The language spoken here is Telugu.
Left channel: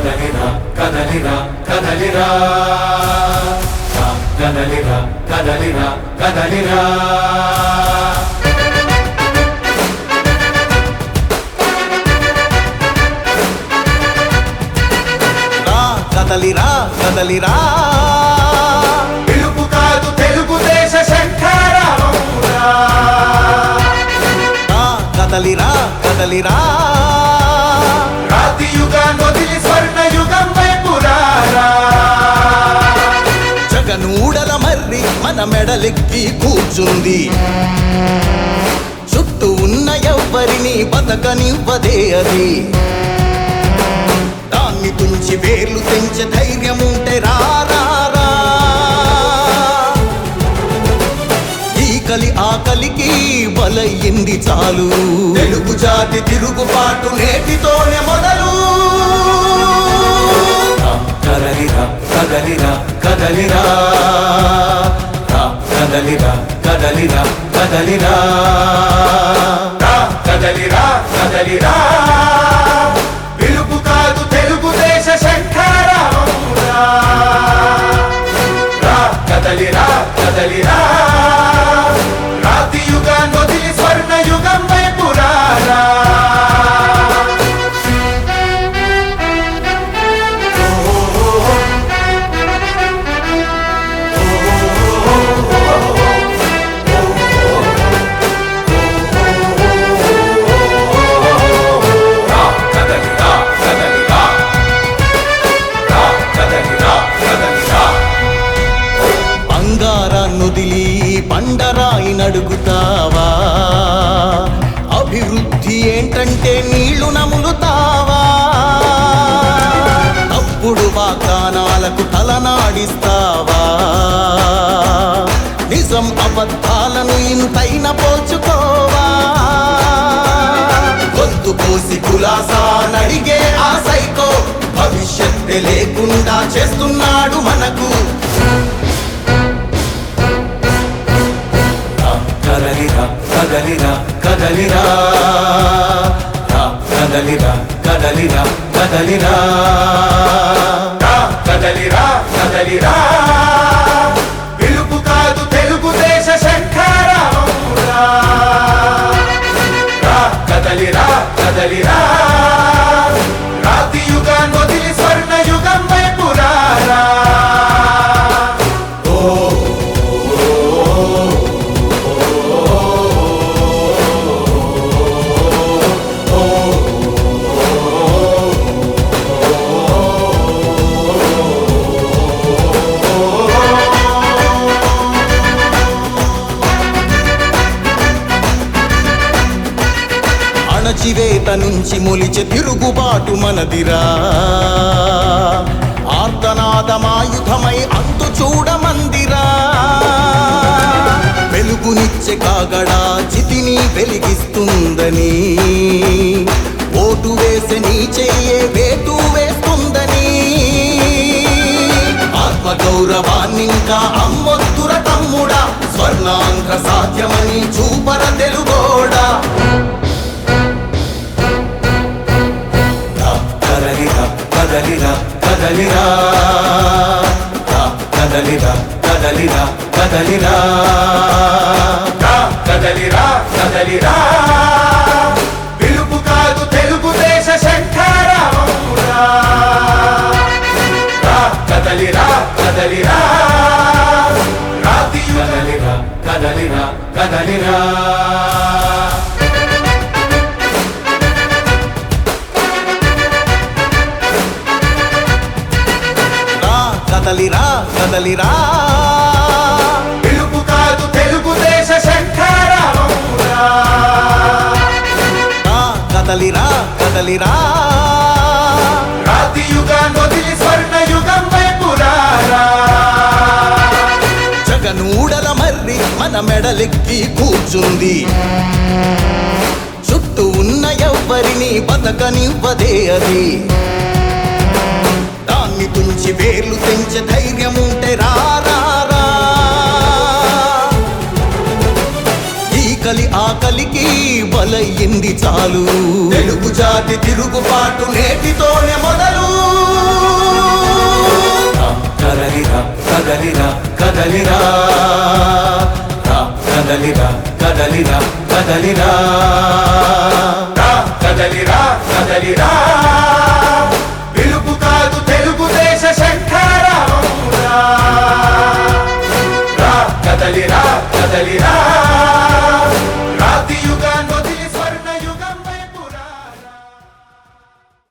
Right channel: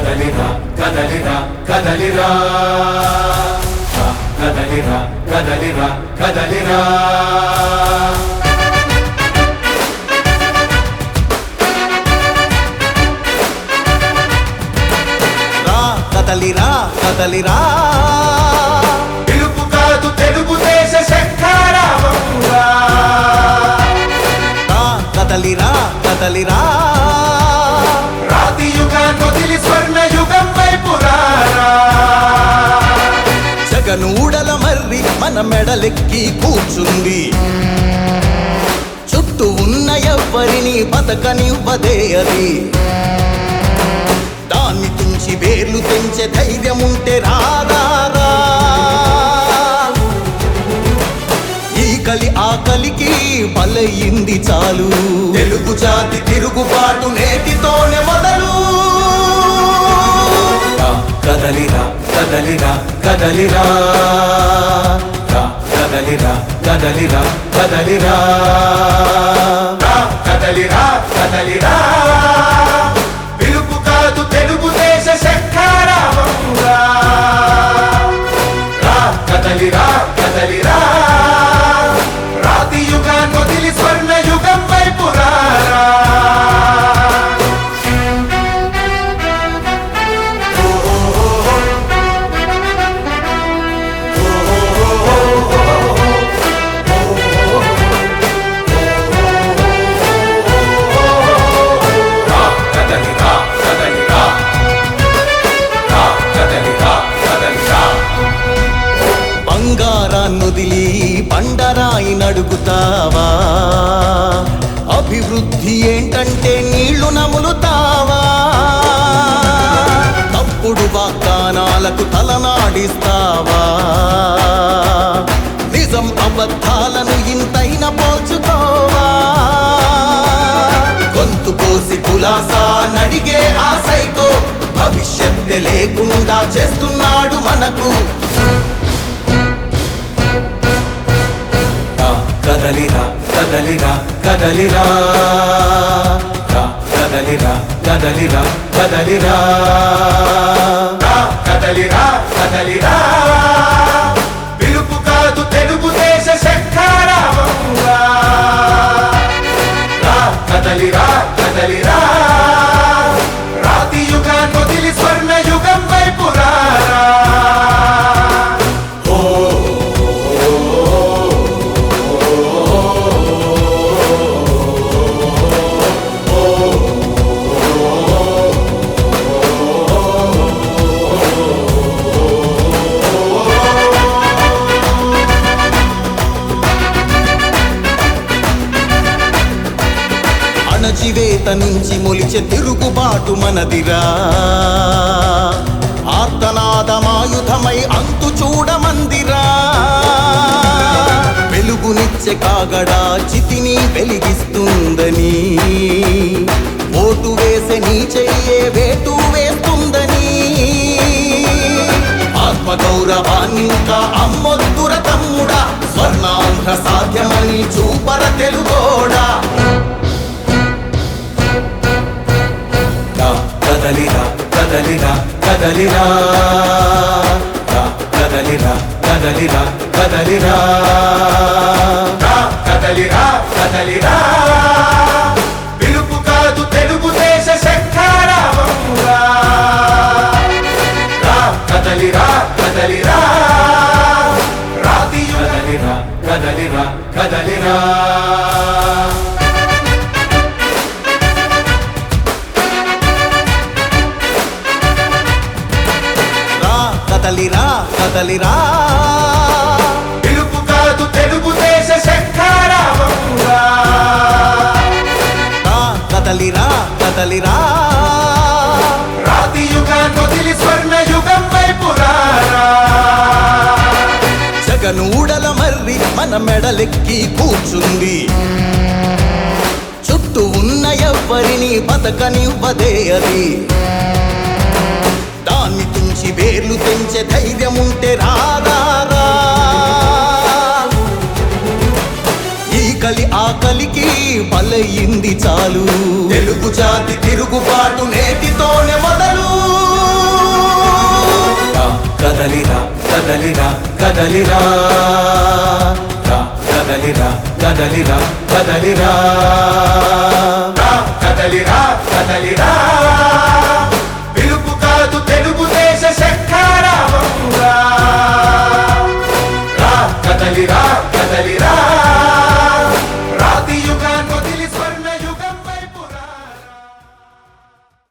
కదలిరా కదలిరా కదలిరా కదలిరా కదలిరా కదలిరా కదలిరా కదలిరా పిలుపు కాదు తెలుగుదేశ శంఖారావమురా కదలిరా కదలిరా రాతి యుగాన్ని వదిలి స్వర్ణ యుగం వైపు రారా జగనూడల మర్రి మన మెడలెక్కి కూర్చుంది చుట్టూ ఉన్న ఎవ్వరిని బతకనివ్వదే అది దాన్ని తుంచి వేర్లు తెంచే ధైర్యం ఉంటే రారా ఈ కలి ఆ కలికి బలయింది చాలు తెలుగు జాతి తిరుగుబాటు నేటితోనే మొదలు కదలిరా కదలిరా కదలిరా కదలిరా కదలిరా కదలిరా కదలిరా కదలిరా పిలుపు కాదు తెలుగుదేశ శంఖారావమురా కదలిరా కదలిరా రాతి యుగాన్ని వదిలి స్వర్ణ యుగం వైపు రారా బంగారాన్నొదిలి బండరాయి నడుగుతావా అభివృద్ధి ఏంటంటే నీళ్లు నములుతావా తప్పుడు వాగ్దానాలకు తలనాడిస్తావా నిజం అబద్ధాలను ఇంతైనా పోల్చుకోవా గొంతు పోసి కులాసా నడిగే ఆ సైకో భవిష్యత్తు లేకుండా చేస్తున్నాడు మనకు కదలిరా కదలిరా కదలిరా కదలిరా కదలిరా కదలిరా కదలిరా కదలిరా పిలుపు కాదు తెలుగుదేశ శంఖారావమురా కదలిరా కదలిరా రాతి యుగాన్ని వదిలి స్వర్ణ యుగం వైపు రారా అణచివేత నుంచి మొలిచే తిరుగుబాటు మనదిరా ఆర్తనాదమాయుధమై అంతు చూడమందిరా వెలుగునిచ్చే కాగడా చితిని వెలిగిస్తుందని ఓటు వేసే నీ చెయ్యే వేటు వేస్తుందని ఆత్మగౌరవాన్నింకా అమ్మొద్దుర తమ్ముడా స్వర్ణాంధ్ర సాధ్యమని చూపర తెలుగోడా కదలిరా కదలిరా కదలిరా కదలిరా కదలిరా కదలిరా కదలిరా కదలిరా పిలుపు కాదు తెలుగుదేశ శంఖారావమురా కదలిరా కదలిరా రాతి కదలిరా కదలిరా కదలిరా కదలిరా కదలిరా పిలుపు కాదు తెలుగుదేశ శంఖారావమురా కదలిరా కదలిరా రాతి యుగాన్ని వదిలి స్వర్ణ యుగం వైపు రారా జగనూడల మర్రి మన మెడలెక్కి కూర్చుంది చుట్టూ ఉన్న ఎవ్వరిని బతకనివ్వదే అది దాన్ని తుంచి వేర్లు తెంచే ధైర్యం ఉంటే రారా ఈ కలి ఆ కలికి బలయింది చాలు తెలుగు జాతి తిరుగుబాటు నేటితోనే మొదలు కదలిరా కదలిరా కదలిరా కదలిరా పిలుపు కాదు తెలుగుదేశ శంఖారావం రా కదలిరా కదలిరా